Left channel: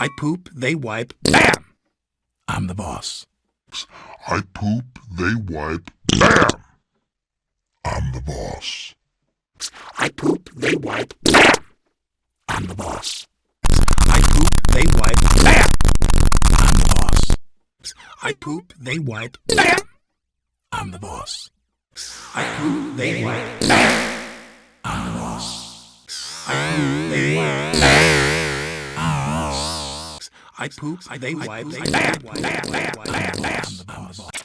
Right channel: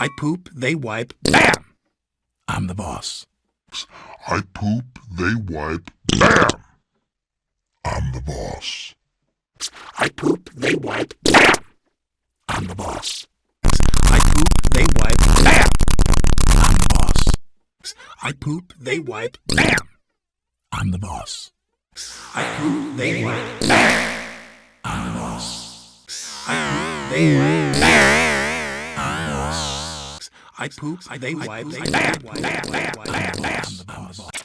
I poop, they wipe, bam! I'm the boss. I poop, they wipe, bam! I'm the boss. I poop, they wipe, bam! I'm the boss. I poop, they wipe, bam! I'm the boss. I poop, they wipe, bam! I'm the boss. I poop, they wipe, bam! I'm the boss. I poop, they wipe, bam! I'm the boss. I poop, they wipe, bam! I'm the boss.